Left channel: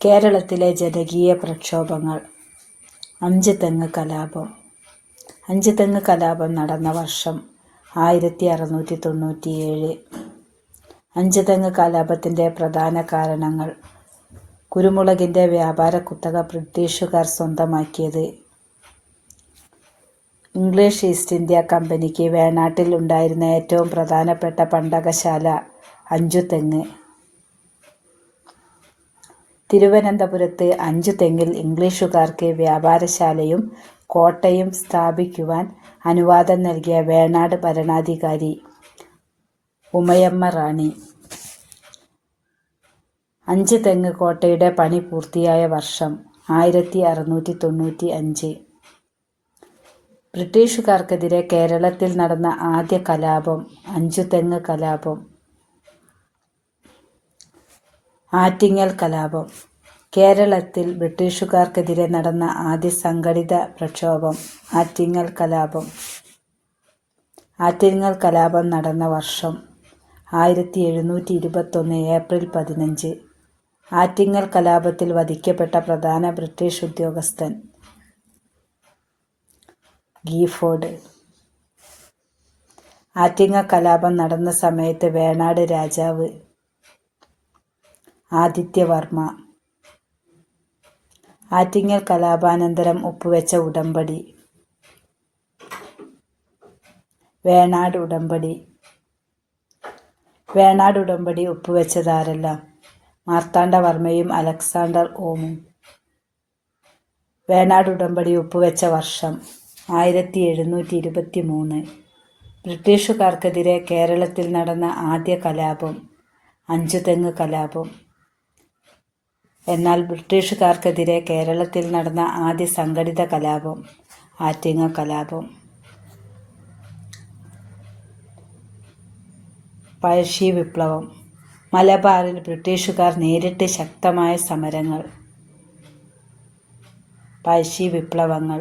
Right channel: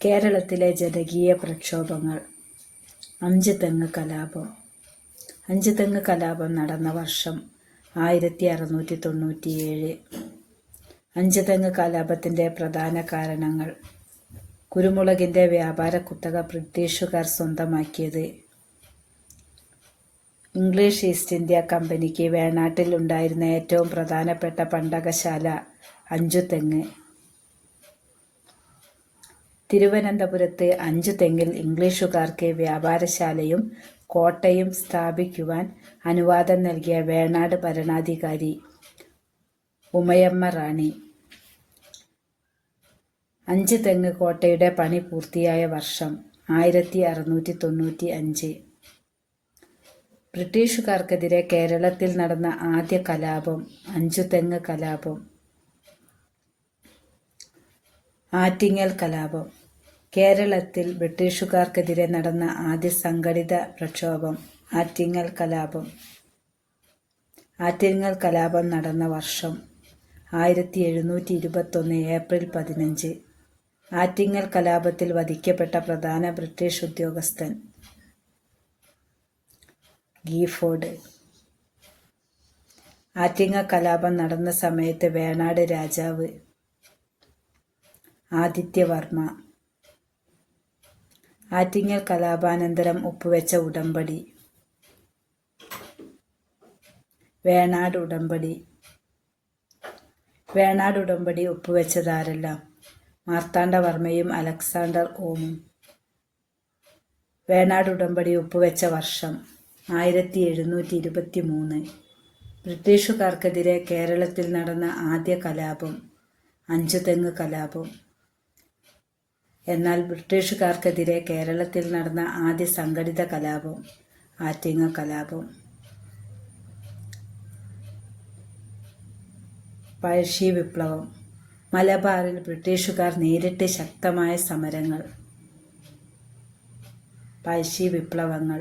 കേരളത്തിലെ ജനകീയ പ്രക്ഷോഭങ്ങൾ. അഞ്ചുതെങ്ങ് കലാപം. അഞ്ചുതെങ്ങ് കലാപം നടന്ന വർഷം 1697. അഞ്ചുതെങ്ങ് കലാപത്തിൻ്റെ പ്രധാന കാരണങ്ങൾ: കുരുമുളകിൻ്റെ വ്യാപാര കുത്തക ബ്രിട്ടീഷുകാർ സ്വന്തമാക്കിയത്. ഇംഗ്ലീഷ് ഈസ്റ്റ് ഇന്ത്യ കമ്പനിക്ക് വേണാട്ടിൽ ഉണ്ടായിരുന്ന ഏറ്റവും പ്രധാനപ്പെട്ട പണ്ടകശാല അഞ്ചുതെങ്ങ്. തിരുവനന്തപുരത്ത് അഞ്ചുതെങ്ങിൽ ഇംഗ്ലീഷുകാർക്ക് വ്യാപാരശാലയും കോട്ടയും സ്ഥാപിക്കുവാൻ അനുവാദം നൽകിയ വേണാട് ഭരണാധികാരി ഉമയമ്മ റാണി. അഞ്ചുതെങ്ങ് കോട്ടയുടെ പണി പൂർത്തിയായ വർഷം 1695. ബ്രിട്ടീഷുകാർക്കെതിരെ കേരളത്തിൽ നടന്ന ആദ്യ കലാപം അഞ്ചുതെങ്ങ് കലാപം. ആറ്റിങ്ങൽ കലാപം. കേരളത്തിൽ ബ്രിട്ടീഷുകാർക്കെതിരെ നടന്ന ആദ്യ സംഘടിത പ്രക്ഷോഭം ആറ്റിങ്ങൽ കലാപം. ആറ്റിങ്ങൽ കലാപം നടന്ന വർഷം 1721 ഏപ്രിൽ 15. ആറ്റിങ്ങൽ കലാപത്തിൽ വധിക്കപ്പെട്ട പ്രധാന ബ്രിട്ടീഷ് ഉദ്യോഗസ്ഥൻ ഗീഫോർഡ്. ആറ്റിങ്ങൽ കലാപം നടന്ന സമയത്ത് വേണാട് രാജാവ് ആദിത്യവർമ്മ. ആറ്റിങ്ങൽ കലാപാനന്തരം ഒപ്പുവെച്ച ഉടമ്പടി വേണാട് ഉടമ്പടി. വേണാട് ഉടമ്പടി ഒപ്പുവെച്ചതാരെല്ലാം? മാർത്താണ്ഡവർമ്മയും അലക്സാണ്ടർ ഓമും. വേണാട് ഉടമ്പടി ഒപ്പുവെച്ച വർഷം 1723. ബ്രിട്ടീഷുകാർക്കെതിരെ കേരളത്തിൽ നടന്ന ആദ്യ കലാപം അഞ്ചുതെങ്ങ് കലാപം. എന്നാൽ ബ്രിട്ടീഷുകാർക്കെതിരെ കേരളത്തിൽ നടന്ന ആദ്യ സംഘടിത കലാപം ആറ്റിങ്ങൽ കലാപം. പഴശ്ശി വിപ്ലവം. മലബാറിൽ ബ്രിട്ടീഷുകാർ നേരിട്ട് ശക്തമായ സമരങ്ങൾ. പഴശ്ശി വിപ്ലവങ്ങൾ.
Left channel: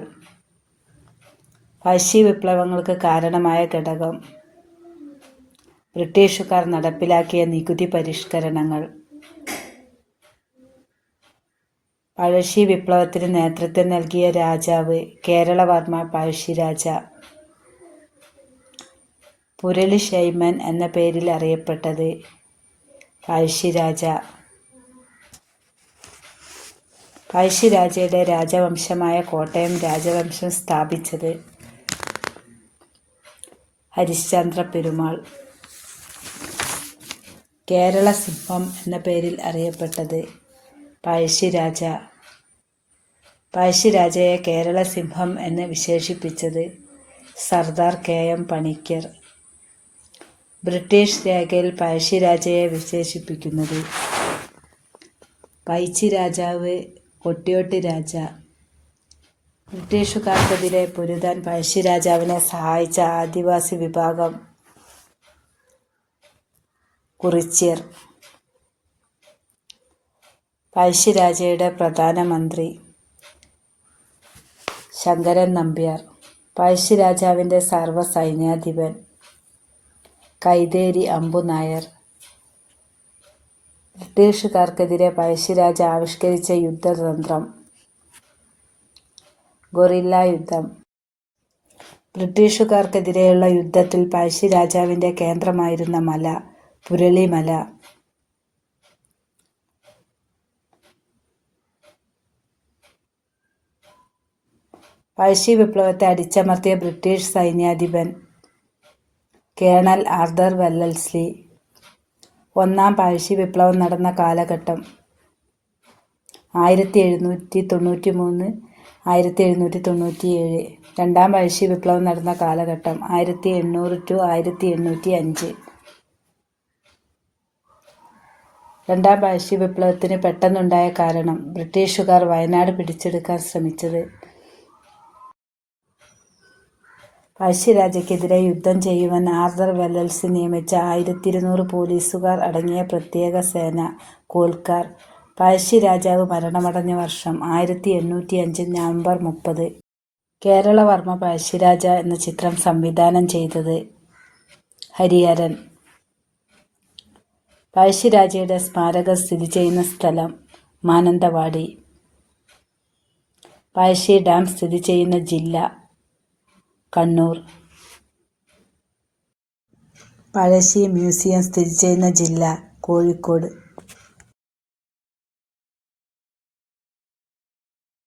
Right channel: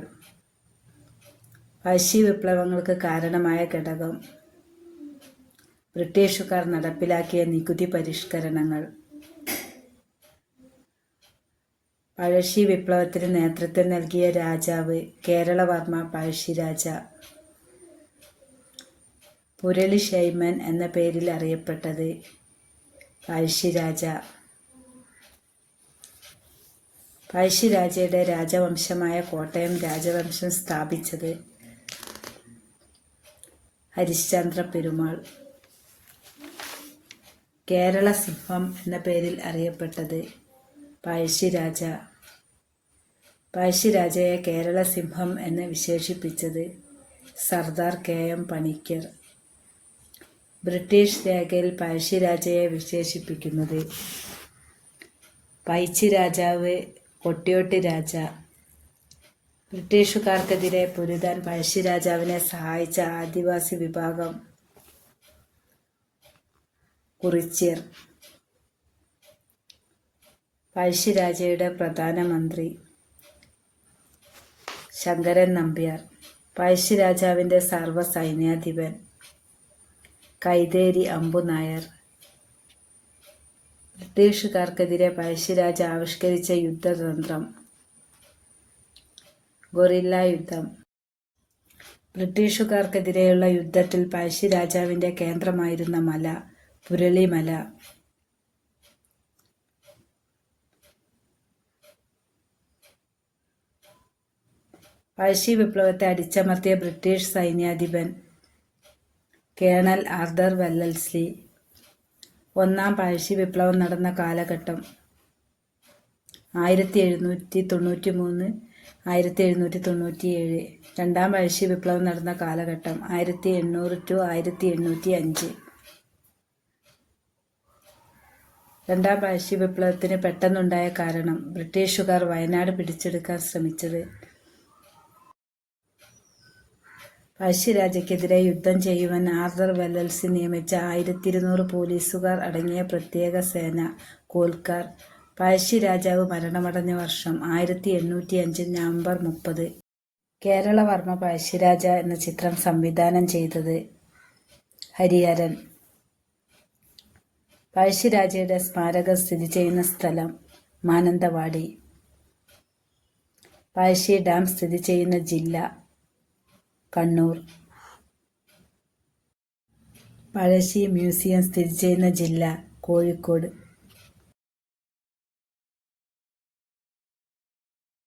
പഴശ്ശി വിപ്ലവങ്ങൾക്ക് കാരണമായ ഘടകം: ബ്രിട്ടീഷുകാർ നടപ്പിലാക്കിയ നികുതി പരിഷ്കരണങ്ങൾ. പഴശ്ശി വിപ്ലവത്തിന് നേതൃത്വം നൽകിയ രാജാവ് കേരളവർമ്മ പഴശ്ശിരാജ. പുരളിശൈമൻ എന്ന പേരിൽ അറിയപ്പെട്ടത് പഴശ്ശിരാജ. പഴശ്ശിരാജയുടെ രാജവംശമായ കോട്ടയം രാജവംശം സ്ഥാപിച്ചത് ഹരിശ്ചന്ദ്ര പെരുമാൾ. കേരള സിംഹം എന്ന പേരിൽ അറിയപ്പെട്ടത് പഴശ്ശിരാജ. പഴശ്ശിരാജയെ കേരള സിംഹം എന്ന് വിശേഷിപ്പിച്ചത് സർദാർ KM പണിക്കർ. ബ്രിട്ടീഷ് രേഖയിൽ പഴശ്ശിരാജയെ വിശേഷിപ്പിക്കുന്നത് പൈച്ചി രാജാവ്, കൊട്ടിയോട്ട് രാജ. ബ്രിട്ടീഷുകാർക്കെതിരെ പൊരുതാൻ പഴശ്ശിരാജാവിനെ സഹായിച്ച ആദിവാസി വിഭാഗം കുറിച്യർ. പഴശ്ശിരാജയുടെ പ്രധാനമന്ത്രി ശങ്കരൻ നമ്പ്യാർ. പഴശ്ശിരാജാവിൻ്റെ സർവ്വസൈന്യാധിപൻ കൈതേരി അമ്പുനായർ. ബ്രിട്ടീഷുകാർക്കെതിരെ പഴശ്ശിരാജ ആവിഷ്കരിച്ച യുദ്ധതന്ത്രം ഗൊറില്ല യുദ്ധം. ബ്രിട്ടീഷുകാർക്കെതിരെയുള്ള യുദ്ധത്തിൽ പഴശ്ശിരാജാവിൻ്റെ കേന്ദ്രമായിരുന്ന മല പുരളിമല. പഴശ്ശി വിപ്ലവത്തെ അടിച്ചമർത്തിയ ബ്രിട്ടീഷ് സൈന്യാധിപൻ കേണൽ ആർതർ വെല്ലസ്ലി. ഒന്നാം പഴശ്ശി വിപ്ലവം നടന്ന കാലഘട്ടം 1793 1797. രണ്ടാം പഴശ്ശി വിപ്ലവം നടന്ന കാലഘട്ടം 1800 to 1805. രണ്ടാം പഴശ്ശി വിപ്ലവത്തിന് പെട്ടെന്നുണ്ടായ കാരണം: ബ്രിട്ടീഷുകാർ വയനാട് പിടിച്ചെടുക്കാൻ ശ്രമിച്ചത്. പഴശ്ശിരാജയ്ക്കെതിരെ യുദ്ധം ചെയ്യുവാൻ ആർതർ വെല്ലസ്ലി നിയമിച്ച 1200 പോലീസുകാർ അടങ്ങിയ പ്രത്യേക സേന കോൽക്കാർ. പഴശ്ശിരാജാവ് മരണമടഞ്ഞ വർഷം 1805 നവംബർ 30. കേരളവർമ്മ പഴശ്ശിരാജ എന്ന ചിത്രം സംവിധാനം ചെയ്തത് ഹരിഹരൻ. പഴശ്ശിരാജയുടെ സ്മാരകം സ്ഥിതി ചെയ്യുന്ന സ്ഥലം മാനന്തവാടി. പഴശ്ശി ഡാം സ്ഥിതി ചെയ്യുന്ന ജില്ല കണ്ണൂർ. പഴശ്ശി മ്യൂസിയം സ്ഥിതി ചെയ്യുന്ന ജില്ല കോഴിക്കോട്.